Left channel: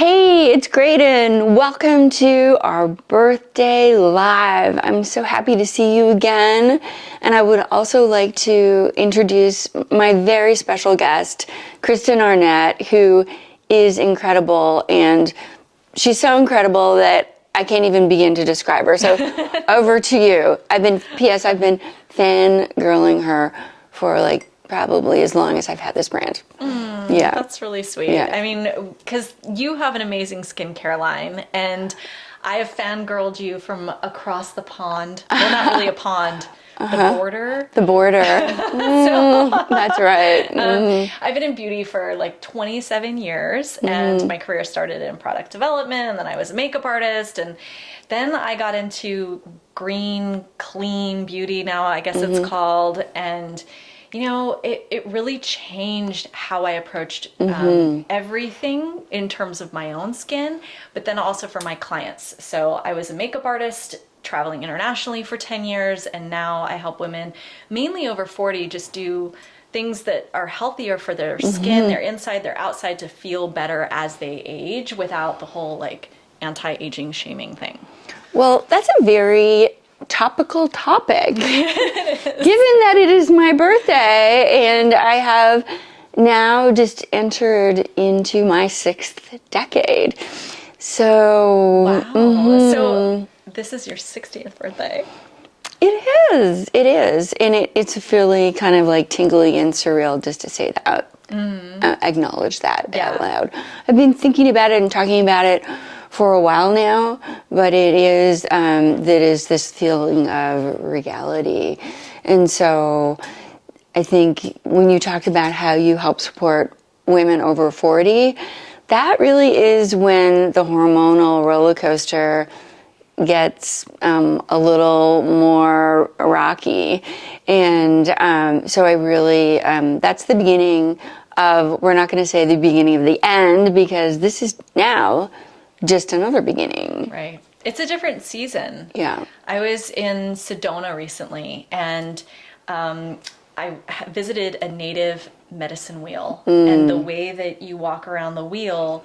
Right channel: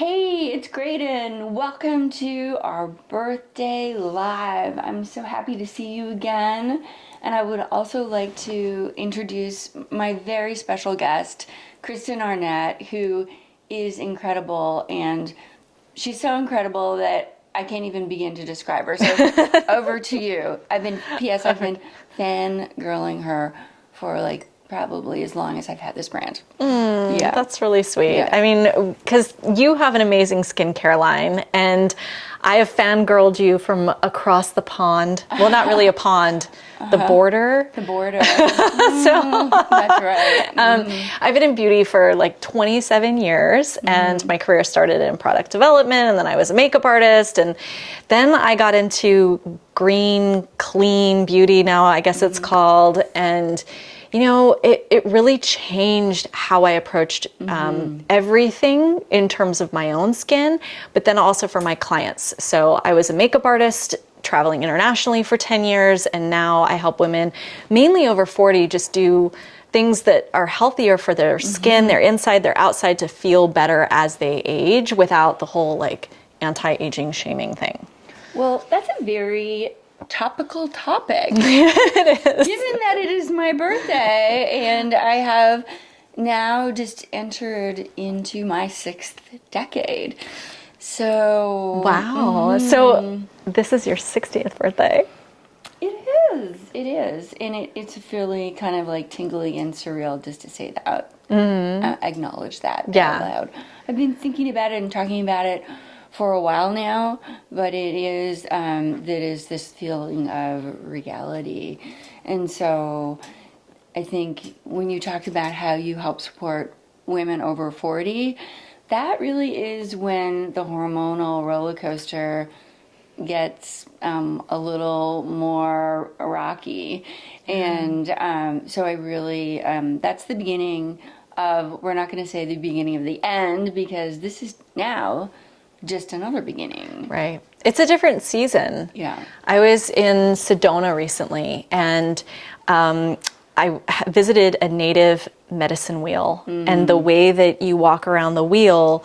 Hey, it's Graydon. Welcome to our birthday live. I'm so happy to see you again. And I would also like to introduce my very special guest, Kristen Arnett, who is incredible. And she's so incredible that I can't even begin to describe her. So over to you. I've been fangirling her for probably as long as I've had this brand. Yeah. That's really sweet. Yeah. I mean, because you have an amazing skincare line, and I have fangirled you from across the pond. Well, not really a pond, the border. The border. That's right. I've been in beauty for like 27 years, and my career started in product development, and then I was a makeup artist, and then I got into green, clean beauty, now I guess it's called, and you know, it really changed how I approached everything in terms of my own skin, but then also for my clients. So I was a makeup artist traveling internationally for 10 years, and now I help women, mainly over 40, just do things that are healthier for their skin, their inside, their outside, to feel better as they age without the whole anti-aging shaming thing. Well, that's a very topical topic. Given that it is my birthday and I have now just entered into my 6th decade. So wow. So this is your 60th birthday. It is. And it's really kind of tingly and surreal just to say that, acknowledge that out loud. I've been thinking about it and talking about it for a while now, but it is this feeling of regality. And so I think when you talked about how you help support women over 40, that really is when the hormonal roller coaster gets a little more rocky. And so I really, that's the beginning of, we're not going to say the beginning of the end, because this is now just another beginning. Right. It's a different season. Yeah. I was in Sedona recently, and I visited a native medicine wheel. And the way that you walk around the wheel,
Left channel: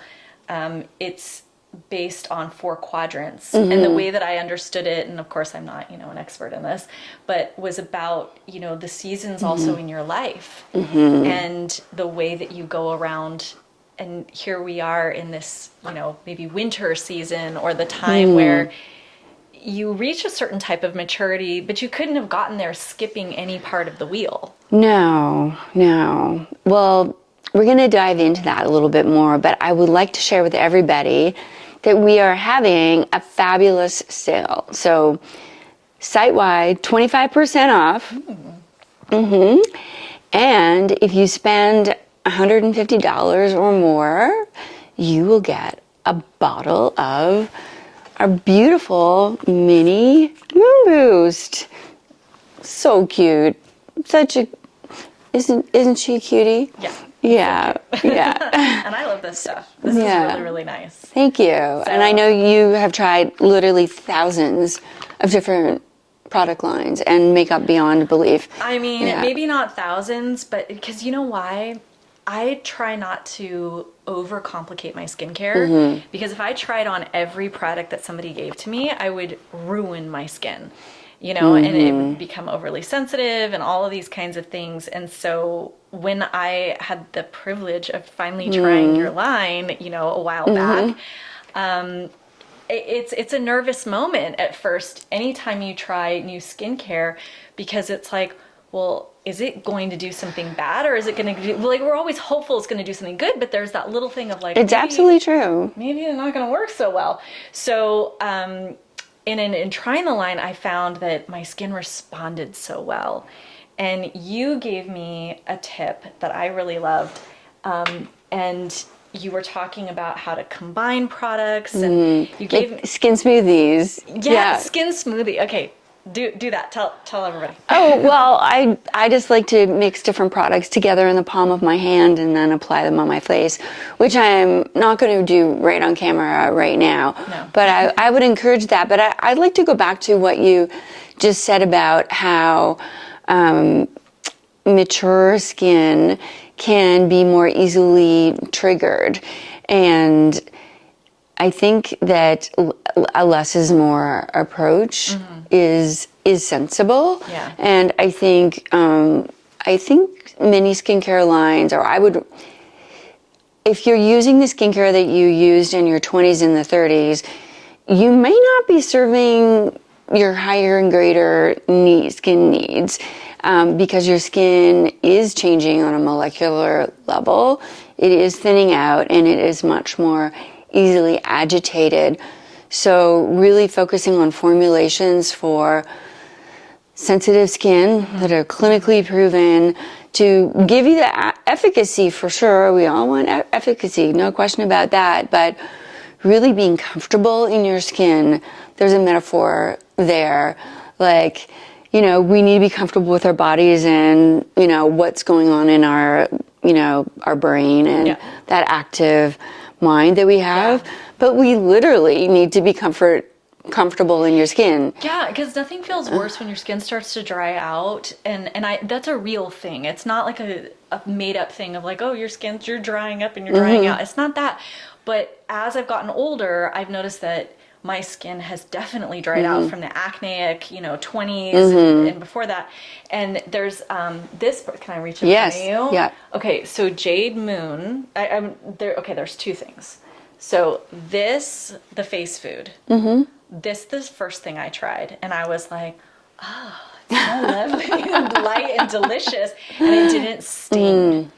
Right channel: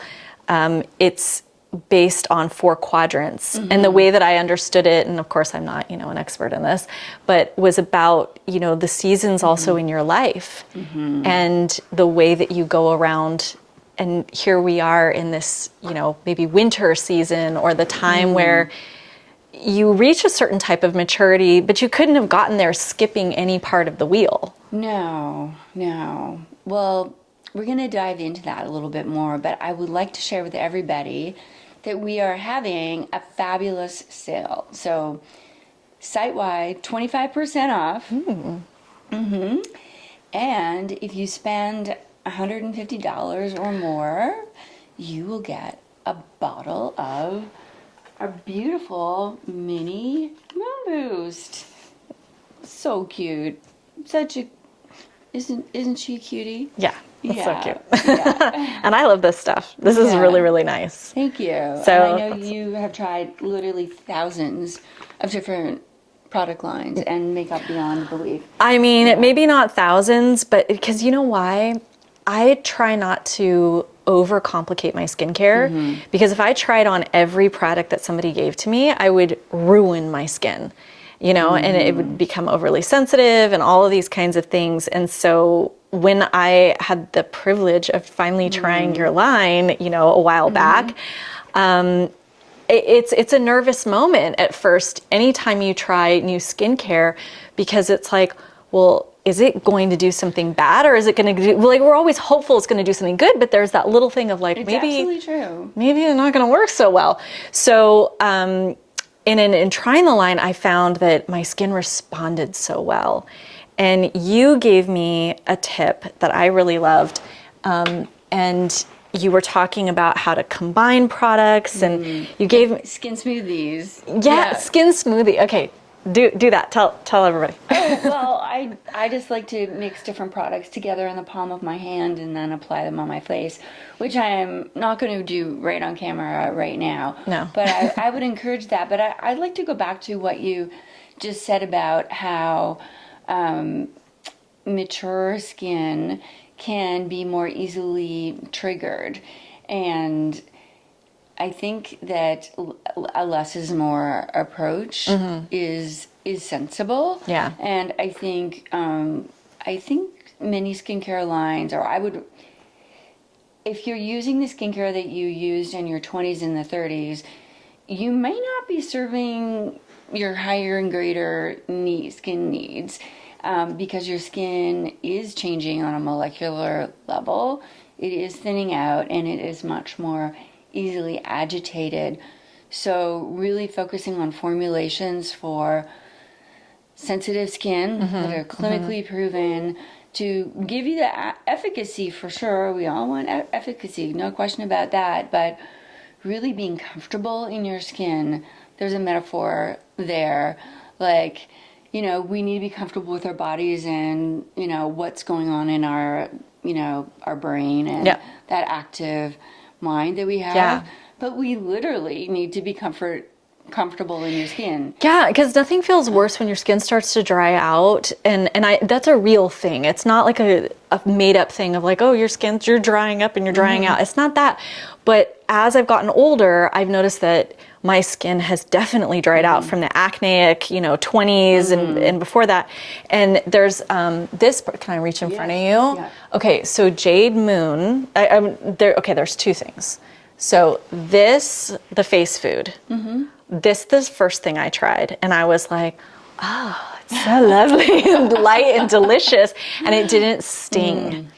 it's based on 4 quadrants. And the way that I understood it, and of course I'm not, an expert in this, but was about, the seasons also in your life, and the way that you go around. And here we are in this, maybe winter season, or the time where you reach a certain type of maturity, but you couldn't have gotten there skipping any part of the wheel. No. Well, we're going to dive into that a little bit more, but I would like to share with everybody that we are having a fabulous sale. So site-wide, 25% off. And if you spend $150 or more, you will get a bottle of our beautiful mini Moon Boost. So cute. Isn't she a cutie? Yeah. Yeah. So cute. Yeah. And I love this stuff. This is really, really nice. Thank you. And I know you have tried literally thousands of different product lines and makeup beyond belief. I mean, maybe not thousands, but because you know why? I try not to overcomplicate my skincare, because if I tried on every product that somebody gave to me, I would ruin my skin, and it would become overly sensitive and all of these kinds of things. And so when I had the privilege of finally trying your line, a while back, it's a nervous moment at first anytime you try new skincare, because it's like, well, is it going to do something bad, or is it going to do, we're always hopeful it's going to do something good, but there's that little thing of it's absolutely true. Maybe it's not going to work so well. So in trying the line, I found that my skin responded so well. And you gave me a tip that I really loved. And you were talking about how to combine products, and you gave skin smoothies. Yeah, skin smoothie. Okay. Do that. Tell everybody. Oh, well, I just like to mix different products together in the palm of my hand and then apply them on my face, which I'm not going to do right on camera right now. No. But I would encourage that. But I'd like to go back to what you just said about how mature skin can be more easily triggered. And I think that a less is more approach is sensible. Yeah. And I think many skincare lines, if you're using the skincare that you used in your 20s and the 30s, you may not be serving your higher and greater skin needs, because your skin is changing on a molecular level. It is thinning out, and it is much more easily agitated. So really focusing on formulations for sensitive skin that are clinically proven to give you the efficacy, for sure. We all want efficacy, no question about that. But really being comfortable in your skin, there's a metaphor there. Like, we need to be comfortable with our bodies and, what's going on in our, our brain and that active mind that we have. Yeah. But we literally need to be comfortable in your skin. Yeah, because nothing feels worse when your skin starts to dry out, and that's a real thing. It's not like a made up thing of like, oh, you're drying up and you're drying out. It's not that. But as I've gotten older, I've noticed that my skin has definitely dried out from the acneic, 20s and before that. And there's this. Can I reach in front of you? Yeah. Okay, so Jade Moon. There's two things. So the face food. This the first thing I tried, and I was like, oh, it's so lovely and light and delicious, and it didn't sting.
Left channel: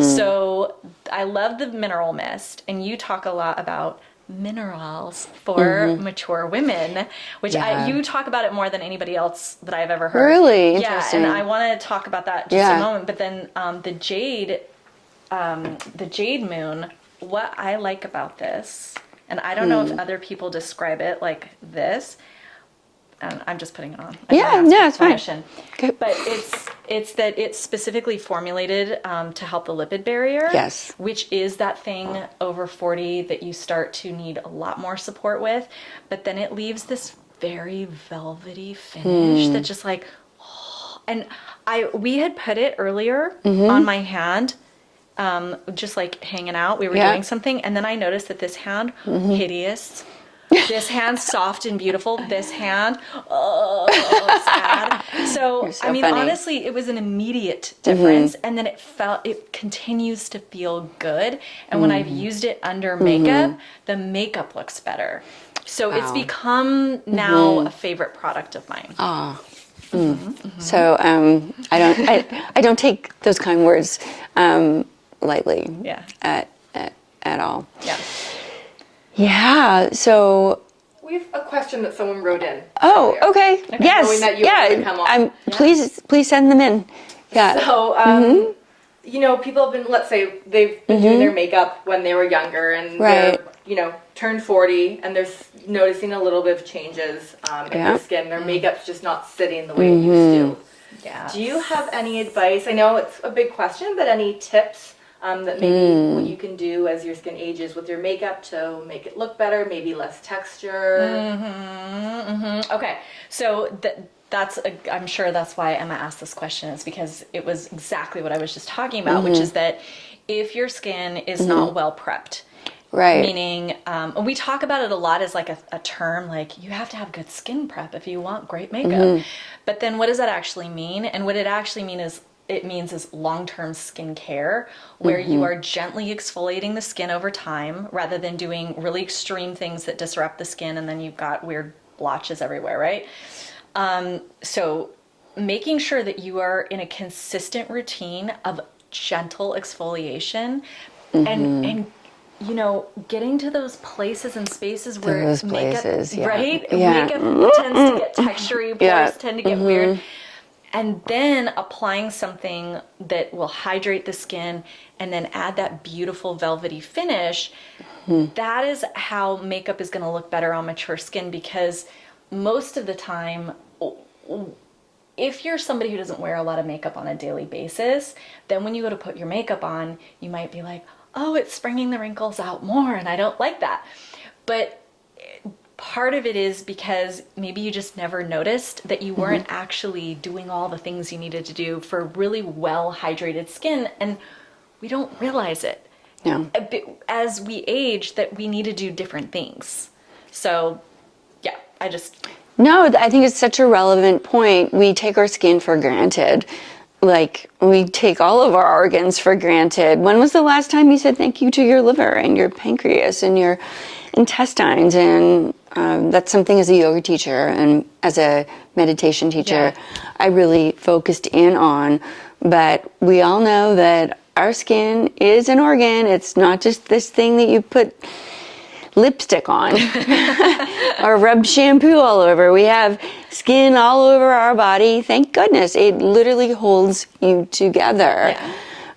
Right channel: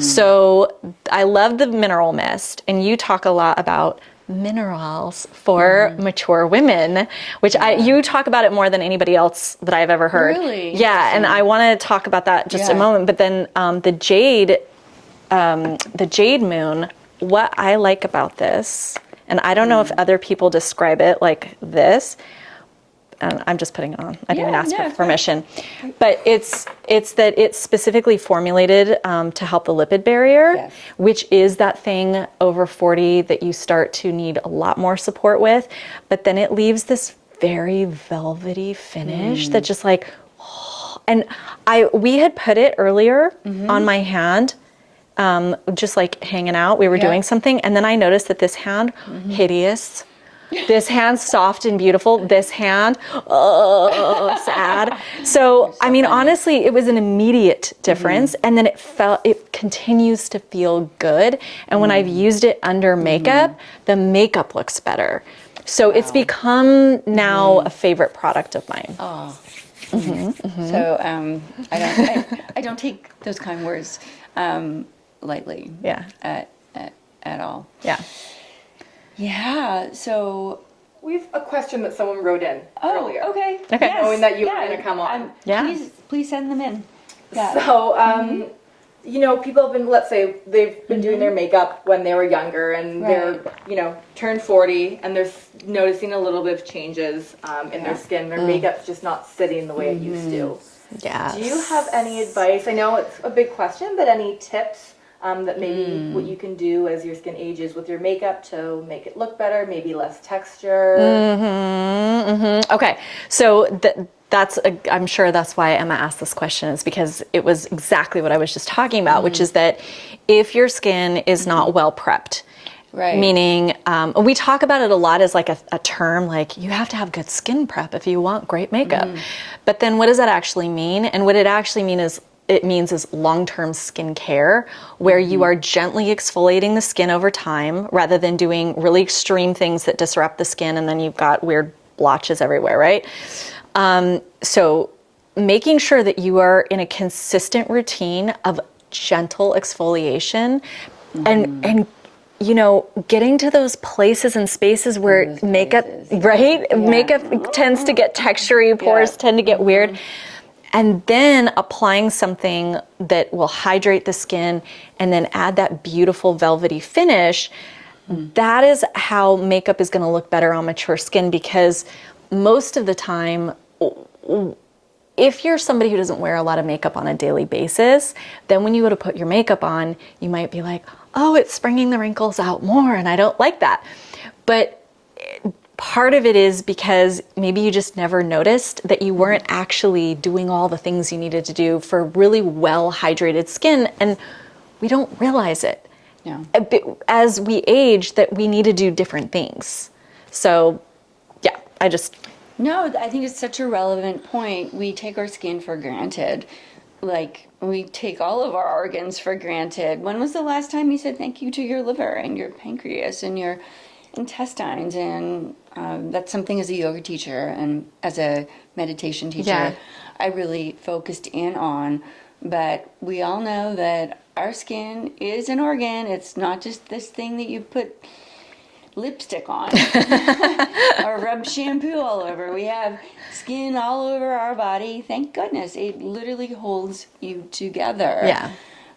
So I love the mineral mist, and you talk a lot about minerals for mature women, which you talk about it more than anybody else that I've ever heard. Really? Yeah, and I want to talk about that just a moment, but then the Jade Moon, what I like about this, and I don't know if other people describe it like this. I'm just putting it on. I didn't ask for permission. But it's that it's specifically formulated to help the lipid barrier. Yes. Which is that thing over 40 that you start to need a lot more support with. But then it leaves this very velvety finish that just like, and we had put it earlier on my hand. Just like hanging out, we were doing something, and then I noticed that this hand, hideous. This hand, soft and beautiful. This hand, sad. So I mean, funny. Honestly, it was an immediate difference, and then it continues to feel good. And when I've used it under makeup, the makeup looks better. So it's become now a favorite product of mine. Oh. So I don't take those kind words lightly. Yeah. At all. Yeah. Yeah. So we have a question that someone wrote in. Oh, okay. Yes. Knowing that you can come on. Please send them in. Yeah. So people have been, let's say they've been doing their makeup when they were younger, and they're turned 40, and they're noticing a little bit of changes in their skin. Their makeup's just not sitting the way it used to. Yeah. Do you have any advice? I know it's a big question, but any tips that maybe what you can do as your skin ages with your makeup to make it look better, maybe less texture? Okay, so I'm sure that's why Emma asked this question, is because it was exactly what I was just talking about, which is that if your skin is not well prepped, right. Meaning, we talk about it a lot as like a term, like you have to have good skin prep if you want great makeup. But then what does that actually mean? And what it actually means is long-term skin care, where you are gently exfoliating the skin over time rather than doing really extreme things that disrupt the skin and then you've got weird blotches everywhere, right? So making sure that you are in a consistent routine of gentle exfoliation and getting to those places and spaces where makeup, right? Yeah. Makeup tends to get textury, pores tend to get weird. And then applying something that will hydrate the skin and then add that beautiful velvety finish. That is how makeup is going to look better on mature skin, because most of the time, if you're somebody who doesn't wear a lot of makeup on a daily basis, then when you go to put your makeup on, you might be like, oh, it's bringing the wrinkles out more, and I don't like that. But part of it is because maybe you just never noticed that you weren't actually doing all the things you needed to do for really well hydrated skin, and we don't realize it. Yeah. as we age, that we need to do different things. So, yeah, No, I think it's such a relevant point. We take our skin for granted. Like, we take all of our organs for granted. When was the last time you said thank you to your liver and your pancreas and your intestines? And that's something as a yoga teacher and as a meditation teacher, I really focused in on. But we all know that our skin is an organ. It's not just this thing that you put lipstick on or rub shampoo all over. We have skin all over our body. Thank goodness. It literally holds you together. Yeah.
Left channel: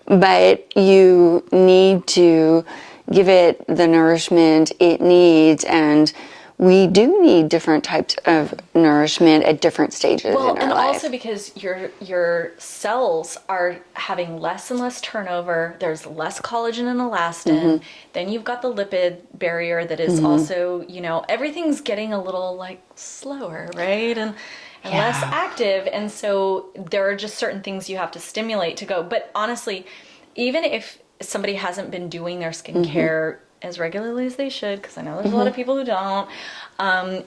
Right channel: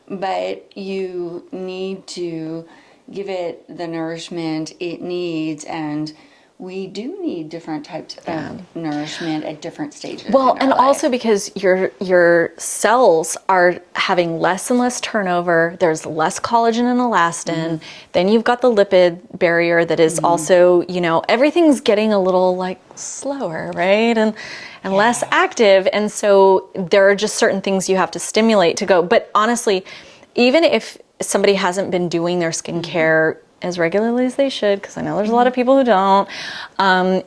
But you need to give it the nourishment it needs, and we do need different types of nourishment at different stages. well, in our and life. also because your cells are having less and less turnover. There's less collagen and elastin. Then you've got the lipid barrier that is also, everything's getting a little like slower, right? And less active. And so there are just certain things you have to stimulate to go. But honestly, even if somebody hasn't been doing their skincare as regularly as they should, because I know there's a lot of people who don't,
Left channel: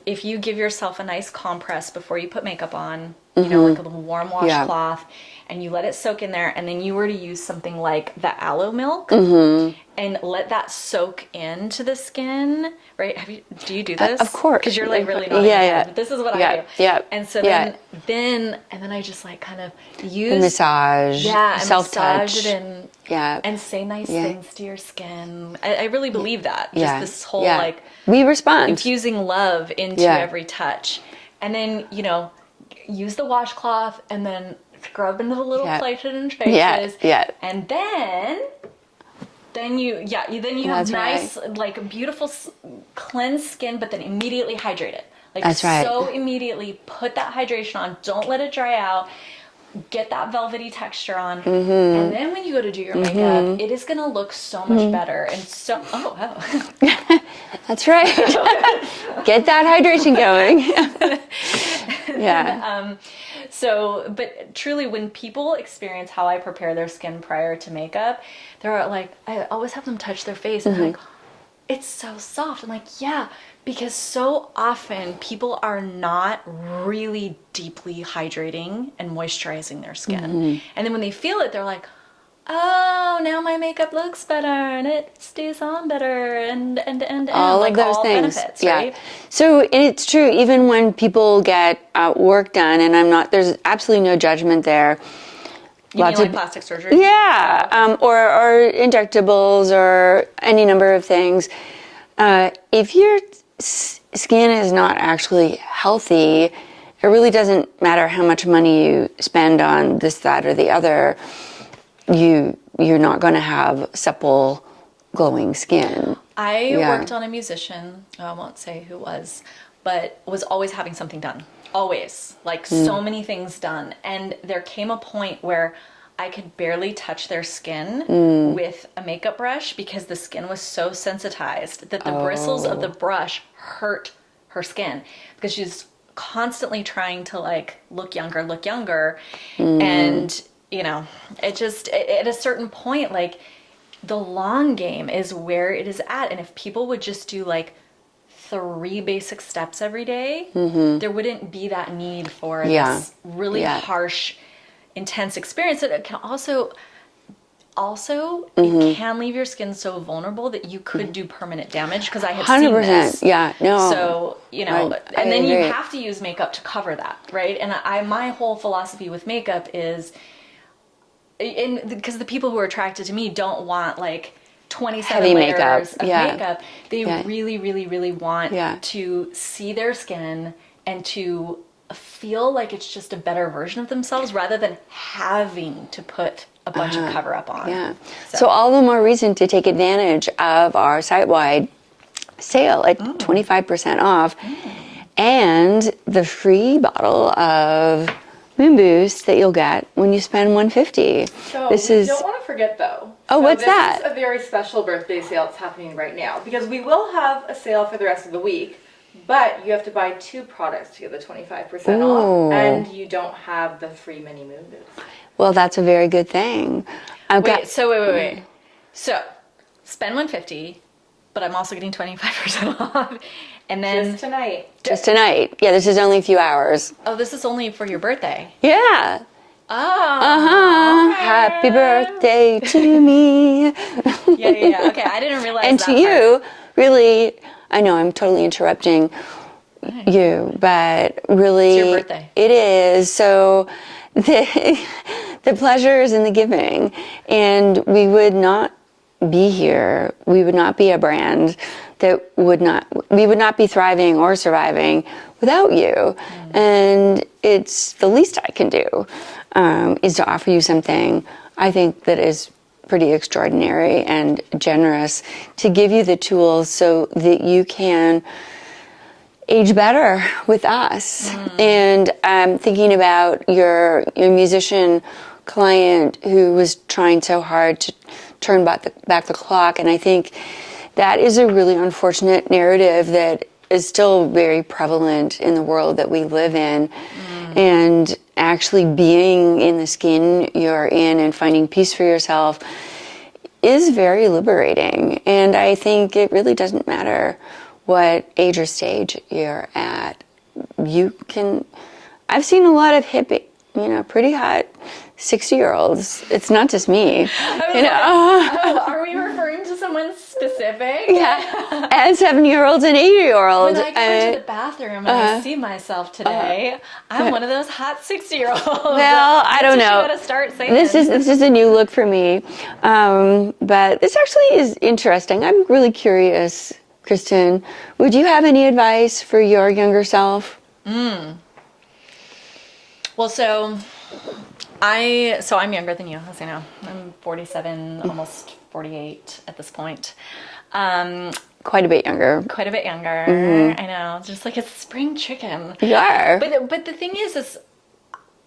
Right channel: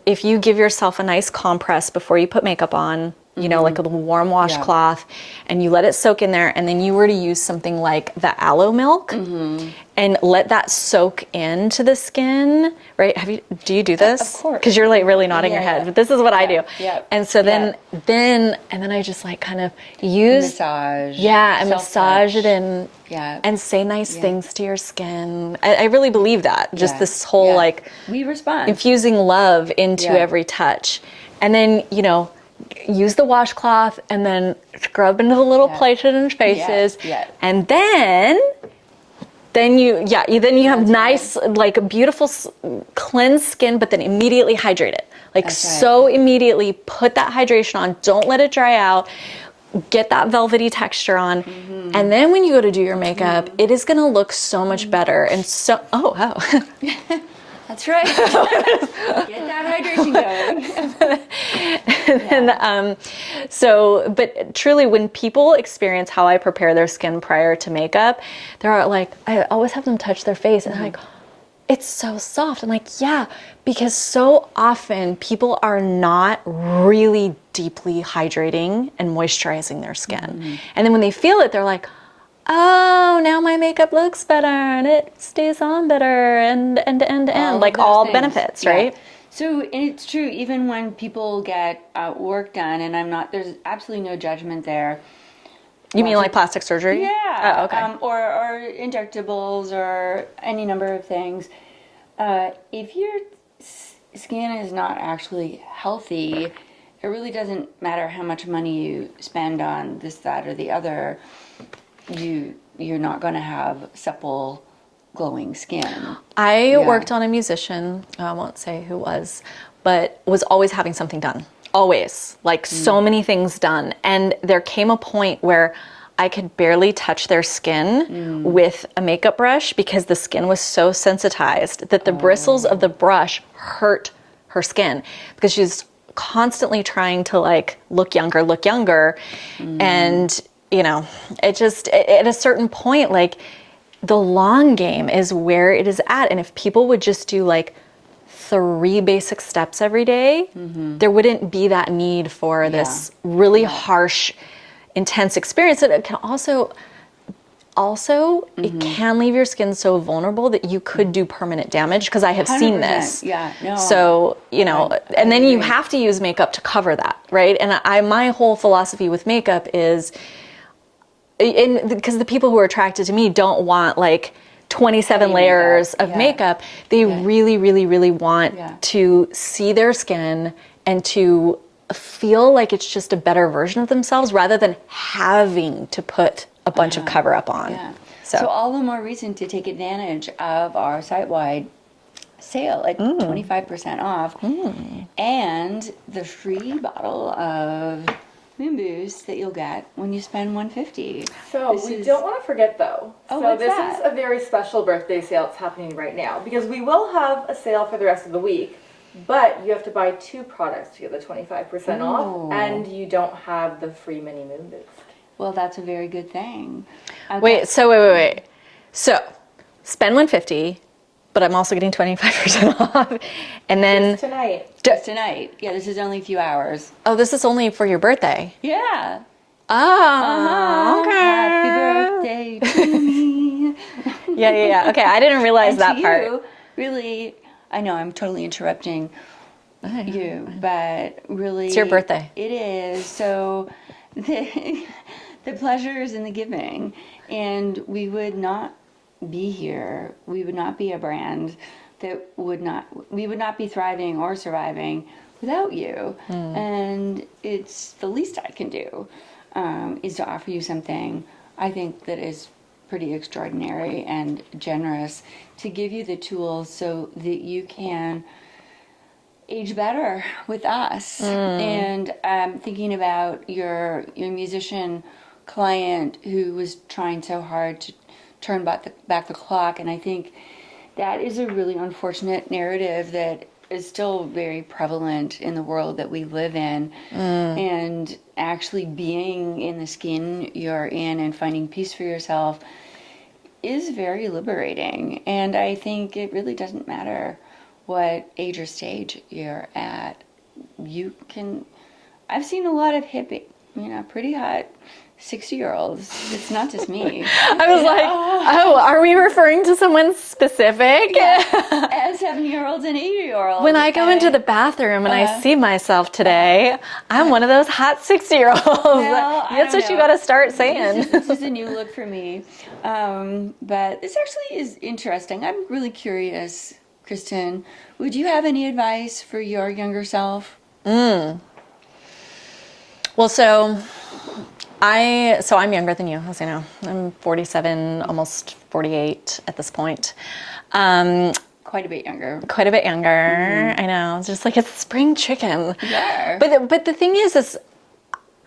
if you give yourself a nice compress before you put makeup on, like a little warm washcloth, and you let it soak in there, and then you were to use something like the aloe milk and let that soak into the skin, right? Do you do this? Of course. Because you're like really nodding your head, but this is what I do. Yeah. And so then I just like kind of use massage. and self-touch. massage it in. Yeah. And say nice things to your skin. I really believe that. Just this whole like we respond. infusing love into every touch. And then, use the washcloth and then scrub into the little places and spaces. And then you have nice, like beautiful cleansed skin, but then immediately hydrate it. Like immediately put that hydration on. Don't let it dry out. Get that velvety texture on, and then when you go to do your makeup, it is going to look so much better. And so, that's right. Get that hydration going. But truly, when people experience how I prepare their skin prior to makeup, they're like, I always have them touch their face, and like, it's so soft. I'm like, yeah, because so often people are not really deeply hydrating and moisturizing their skin. And then when they feel it, they're like, oh, now my makeup looks better and it stays on better and like all benefits, right? So it's true, even when people get work done, and there's absolutely no judgment there. You mean like plastic surgery? Yeah, or injectables or any number of things. If your skin is not actually healthy, it really doesn't matter how much money you spend on this, that, or the other. You're not going to have supple, glowing skin. I worked on a musician, I won't say who was, but was always having something done. Always. Like so many things done. And there came a point where I could barely touch their skin with a makeup brush because the skin was so sensitized that the bristles of the brush hurt her skin because she's constantly trying to like look younger. And, it just, at a certain point, like the long game is where it is at. And if people would just do like 3 basic steps every day, there wouldn't be that need for this really harsh, intense experience. And it can also it can leave your skin so vulnerable that you could do permanent damage, because I have 100%. Seen this. Yeah, no. So, and then you have to use makeup to cover that, right? And my whole philosophy with makeup is, because the people who are attracted to me don't want like 27 heavy layers makeup. of makeup. They really, really, really want to see their skin and to feel like it's just a better version of themselves rather than having to put a bunch of cover up on. Yeah. So all the more reason to take advantage of our site-wide sale at 25% off and the free bottle of Moon Boost that you'll get when you spend $150. So don't want to forget though. What's that? This is a very special birthday sale that's happening right now, because we will have a sale for the rest of the week, but you have to buy 2 products to get the 25% off, and you don't have the free mini Moon Boost. Well, that's a very good thing. Wait. So spend 150, but I'm also getting 25% off. And then Just tonight. Yeah, this is only a few hours. oh, this is only for your birthday. Yeah. Oh, okay. Happy birthday to me. Yeah. Okay, I didn't realize And that to part. you, really, I know I'm totally interrupting you, but really, It's your birthday. It is. So the pleasure is in the giving, and we would not be here. We would not be a brand that we would not be thriving or surviving without you. And it's the least I can do is to offer you something I think that is pretty extraordinary and generous, to give you the tools so that you can age better with us. And I'm thinking about your musician client who was trying so hard to turn back the clock, and I think that is a really unfortunate narrative that is still very prevalent in the world that we live in. And actually being in the skin you're in and finding peace for yourself is very liberating. And I think it really doesn't matter what age or stage you're at. I've seen a lot of hippie, pretty hot 60-year-olds. It's not just me. I was like, oh, are we referring to someone specific? Yeah. And 70-year-olds and 80-year-olds. When I go into the bathroom and I see myself today, I'm one of those hot 60-year-olds. Well, I don't know. That's what you got to start saying. This is a new look for me. But this actually is interesting. I'm really curious, Kristen. Would you have any advice for your younger self? Well, I'm younger than you, as you know. I'm 47, almost 48 at this point. Quite a bit younger. Quite a bit younger. I know. It's just like a spring chicken. You are. But the thing is,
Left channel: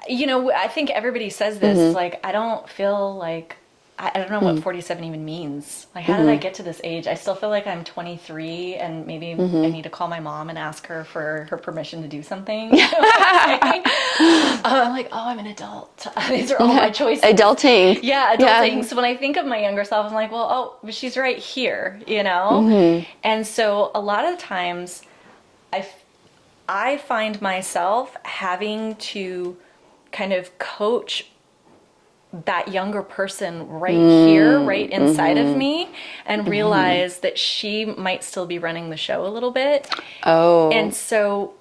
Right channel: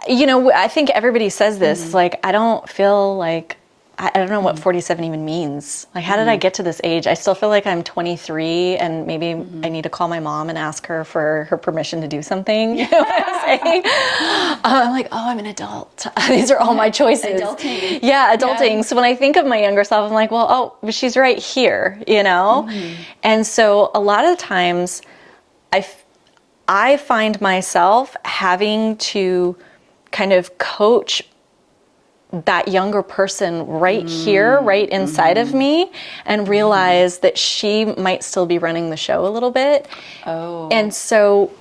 I think everybody says this. Like, I don't feel like, I don't know what 47 even means. Like, how did I get to this age? I still feel like I'm 23, and maybe I need to call my mom and ask her for her permission to do something. You know what I'm saying? I'm like, oh, I'm an adult. These are all my choices. Adulting. Yeah, adulting. Yeah. So when I think of my younger self, I'm like, well, but she's right here, And so a lot of times I find myself having to kind of coach that younger person right here, right inside of me, and realize that she might still be running the show a little bit. Oh. And so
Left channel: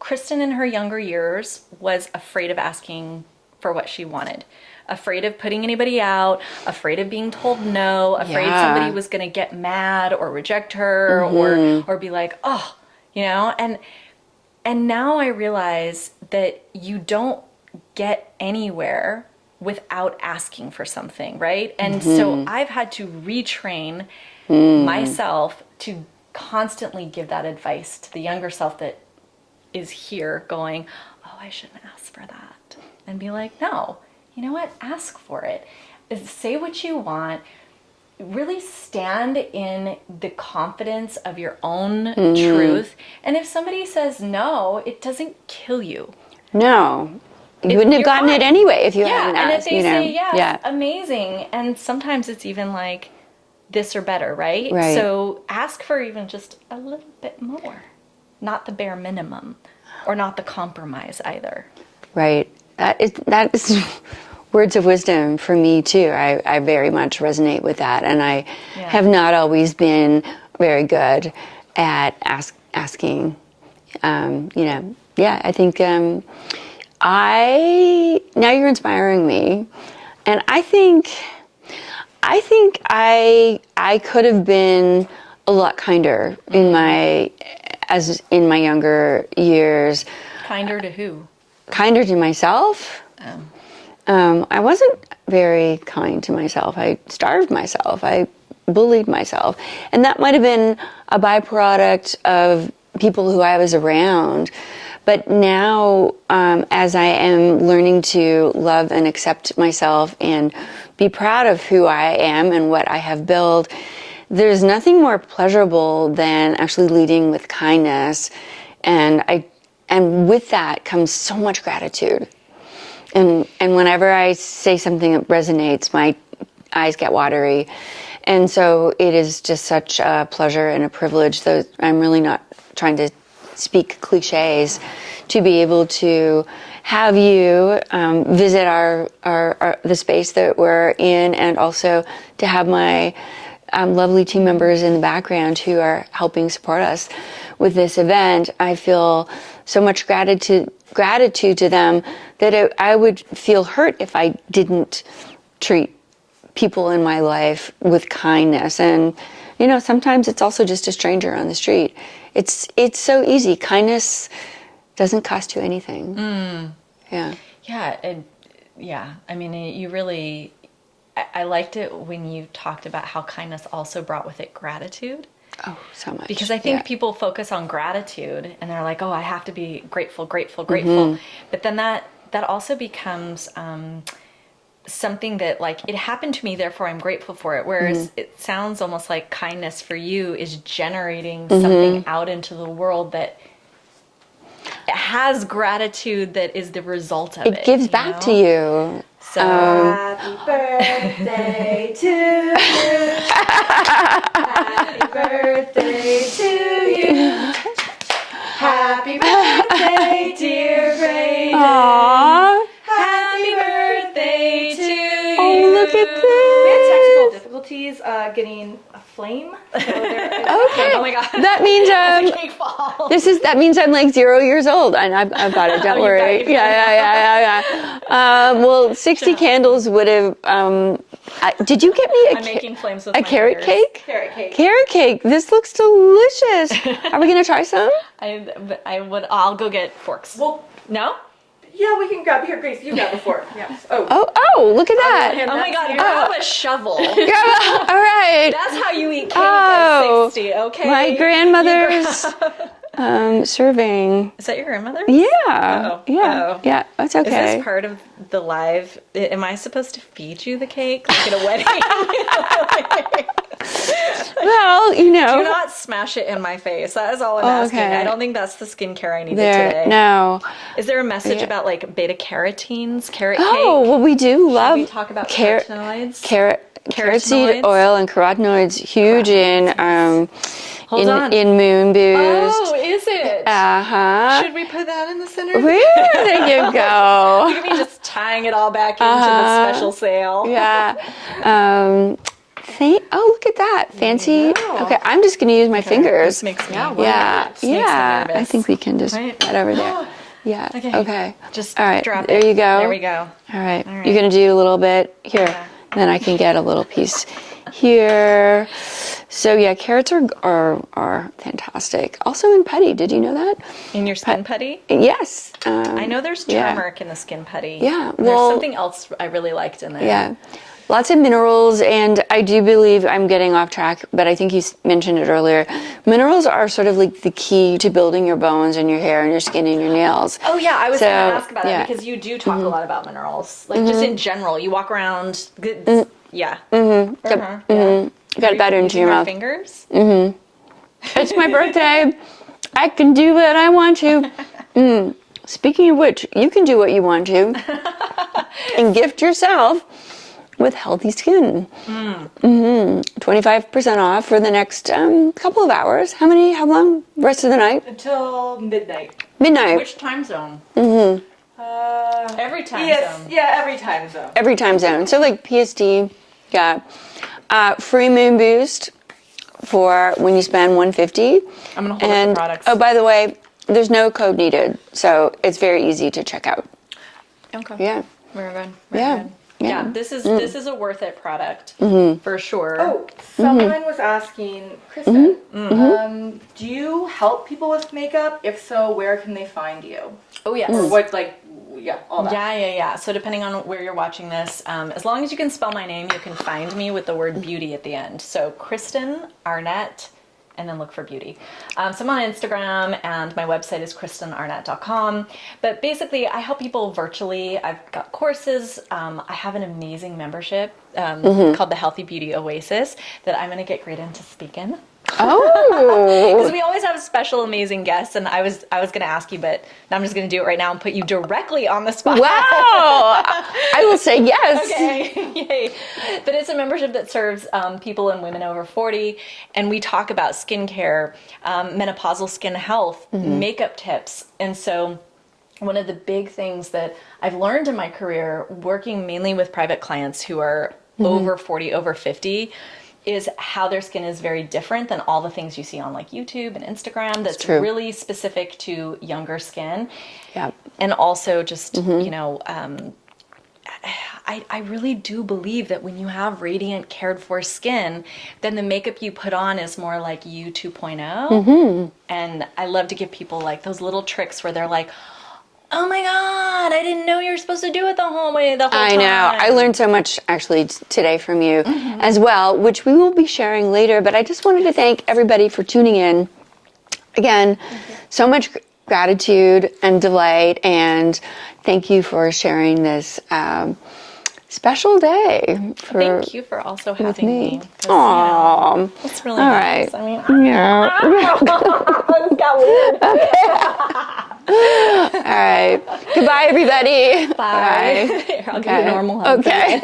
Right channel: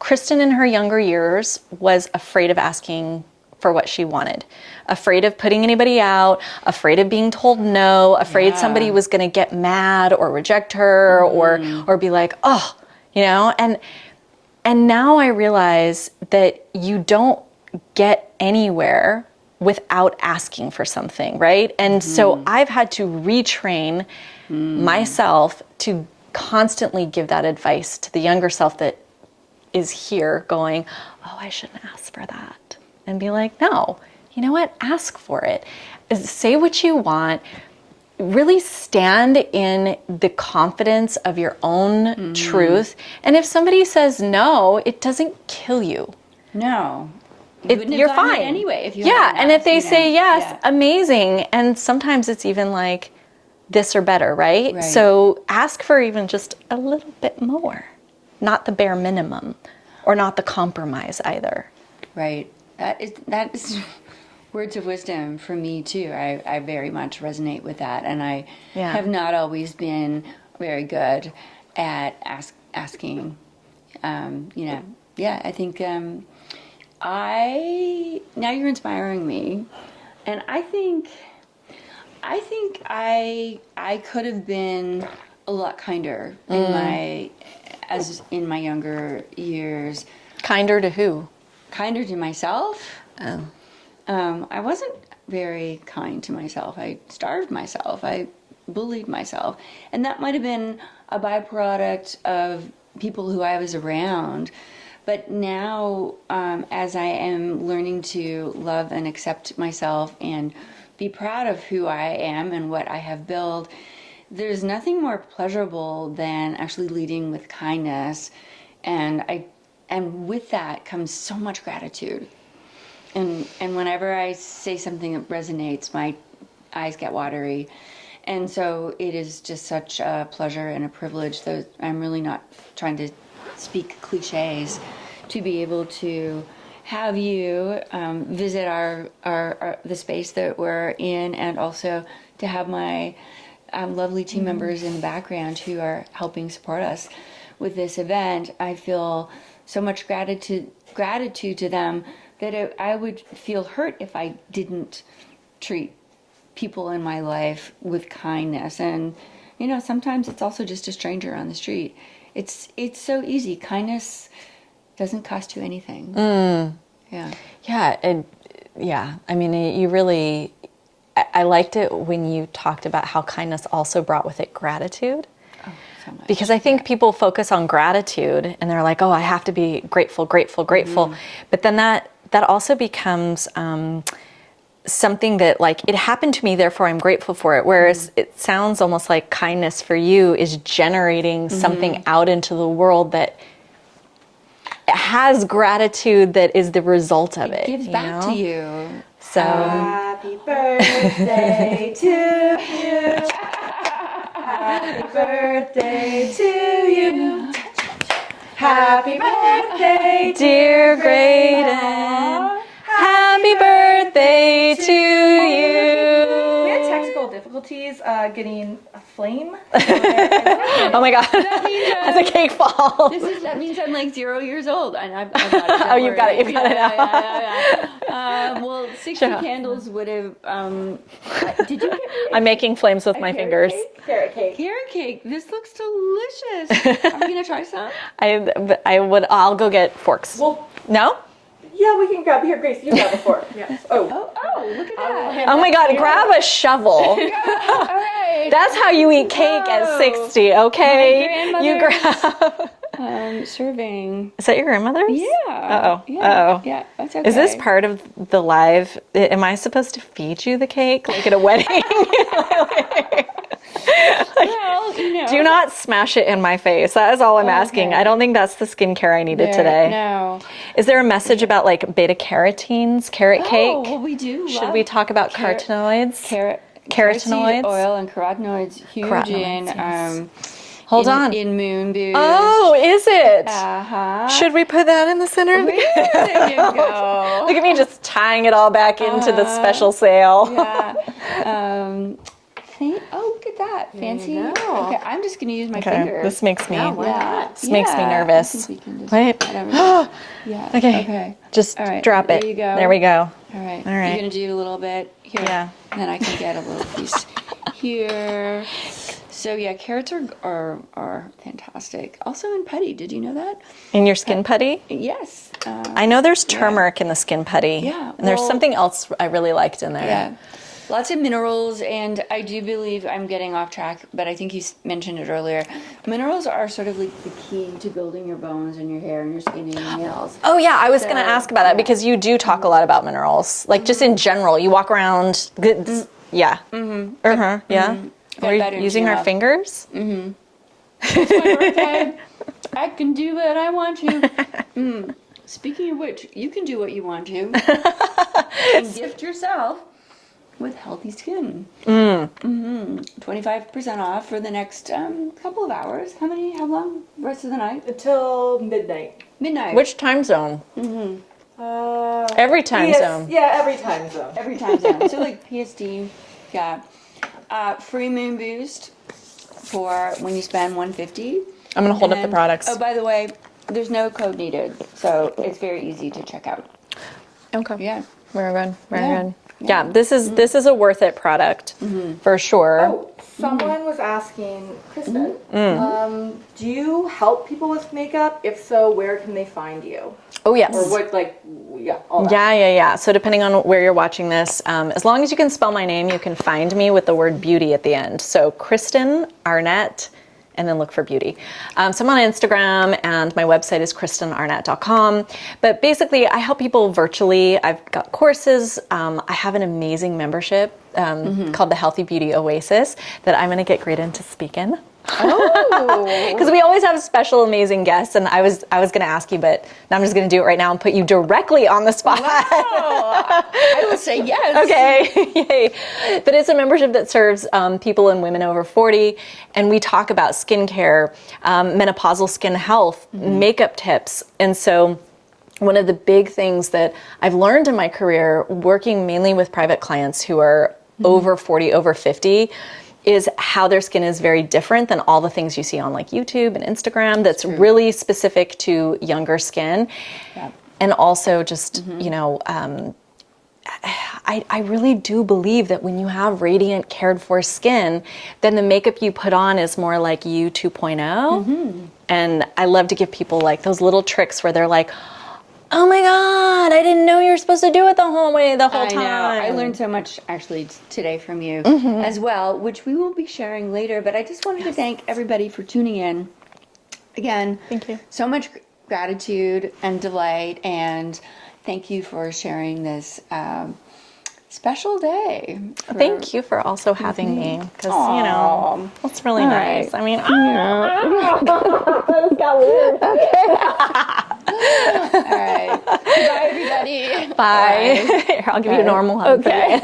Kristen in her younger years was afraid of asking for what she wanted, afraid of putting anybody out, afraid of being told no, afraid somebody was going to get mad or reject her or be like, oh, and now I realize that you don't get anywhere without asking for something, right? And so I've had to retrain myself to constantly give that advice to the younger self that is here going, oh, I shouldn't ask for that. And be like, no, you know what? Ask for it. Say what you want. Really stand in the confidence of your own truth. And if somebody says no, it doesn't kill you. No. You wouldn't have gotten it anyway if you hadn't and if asked, they say yes, amazing. And sometimes it's even like this or better, right? So ask for even just a little bit more, not the bare minimum, or not the compromise either. Right. That is words of wisdom for me too. I very much resonate with that, and I have not always been very good at asking. I think. Now you're inspiring me, and I think I could have been a lot kinder in my younger years. Kinder to who? Kinder to myself. I wasn't very kind to myself. I starved myself. I bullied myself, and that might have been a byproduct of people who I was around. But now, as I am learning to love and accept myself and be proud of who I am and what I have built, there's nothing more pleasurable than actually leading with kindness. And with that comes so much gratitude. And whenever I say something that resonates, my eyes get watery. And so it is just such a pleasure and a privilege, though I'm really not trying to speak cliches, to be able to have you visit the space that we're in, and also to have my lovely team members in the background who are helping support us with this event. I feel so much gratitude to them that I would feel hurt if I didn't treat people in my life with kindness. And sometimes it's also just a stranger on the street. It's so easy. Kindness doesn't cost you anything. Yeah. Yeah, and I mean, you really, I liked it when you talked about how kindness also brought with it gratitude. Oh, so much. Because I think people focus on gratitude and they're like, oh, I have to be grateful, grateful, grateful. But then that also becomes something that, like, it happened to me, therefore I'm grateful for it. Whereas it sounds almost like kindness for you is generating something out into the world that has gratitude that is the result of it. It gives back to you. So Happy birthday to you. Happy birthday to you. Happy birthday, dear Graydon. Aww. Happy birthday to you. Look at We had technical this. difficulties getting a flame. oh my god, That means the cake fall. that means I'm like 0 years old, and I've got it. Don't you worry. got it, you got it. Yeah. Well, 60 candles would have. Did you get me I'm making flames with a my carrot fingers. cake? Carrot cake. Carrot cake. This looks delicious. Are we gonna try some? I'll go get forks. Well, No? yeah, we can grab here, Grace. You grab the fork. Yes. Oh, look at that. Oh my god, grab a shovel. All right. That's how you eat cake Oh, at 60, okay? My grandmother's serving. Is that your grandmother? Yeah. Uh-oh. Yeah. Uh-oh. Yeah. That's okay. Is this part of the live? Am I supposed to feed you the cake like at a wedding? Well, Do not smash it in my face. That is all I'm asking. Okay. I don't think that's the skincare I needed There, today. No. Is there a message about like beta carotenes, carrot cake? Oh, well, we do love. Should we talk about carotenoids? Carrot seed Carotenoids? oil and carotenoids, huge Hold on. in Moon Boost. Oh, is it? Should we put that in the center? there you go. Look at me just tying it all back into the special sale. Yeah. Look at that. Fancy. Okay, I'm just going to use my fingers. This makes me, This makes me nervous. I think we can just Wait. put over there. Yeah. Okay. Just all right. drop it. There you go. There we go. All right. All right. You're going to do a little bit here. Yeah. And then I can get a little piece here. So yeah, carrots are fantastic. Also in putty. Did you know that? In your skin putty? Yes. I know there's turmeric in the skin putty. Yeah, And there's well- something else I really liked in there. Yeah. Lots of minerals, and I do believe I'm getting off track, but I think you mentioned it earlier. Minerals are sort of like the key to building your bones and your hair and your skin and your nails. Oh yeah, I was going to ask about that yeah. because you do talk a lot about minerals. Like just in general, you walk around. Yeah. Yeah. You got Are better you into using your our mouth. fingers? It's my birthday. I can do what I want to. Speaking of which, you can do what you want to and gift yourself with healthy skin. 25% off for the next couple of hours. How long? Rest of the night? Until midnight. Midnight. Which time zone? Every time zone. Yeah, every time zone. Every time zone. So like PST, yeah. Free Moon Boost for when you spend $150. I'm going to hold up the products. Oh, by the way, there's no code needed, so it's very easy to check out. Okay. Yeah. Very good. Yeah. Very good. Yeah, this is a worth it product for sure. Oh, someone was asking, Kristen, do you help people with makeup? If so, where can they find you? Oh yes. Or what, all that. Yeah. So depending on where you're watching this, as long as you can spell my name, you can find me with the word beauty at the end. So Kristen Arnett, and then look for beauty. So I'm on Instagram, and my website is kristenarnett.com. But basically, I help people virtually. I've got courses. I have an amazing membership called the Healthy Beauty Oasis that I'm going to get Graydon to speak in. Oh. Because we always have special, amazing guests, and I was going to ask you, but now I'm just going to do it right now and put you directly on the spot. Wow. I will say yes. Okay. But it's a membership that serves people and women over 40, and we talk about skincare, menopausal skin health, makeup tips, and so one of the big things that I've learned in my career, working mainly with private clients who are over 40, over 50, is how their skin is very different than all the things you see on like YouTube and Instagram that's really specific to younger skin. Yeah. And also just, you know, I really do believe that when you have radiant, cared for skin, then the makeup you put on is more like you 2.0. And I love to give people like those little tricks where they're like, oh my God, I didn't know you were supposed to do it the whole way, the whole time. I know. I learned so much actually today from you as well, which we will be sharing later. But I just wanted to thank everybody for tuning in. Again, so much gratitude and delight. And thank you for sharing this special day. Thank you for also having me. 'Cause, Aww. you know, it's really All nice. right. I mean, this got weird. All right. Goodbye, everybody. Bye. I'll give you a normal hug. Okay.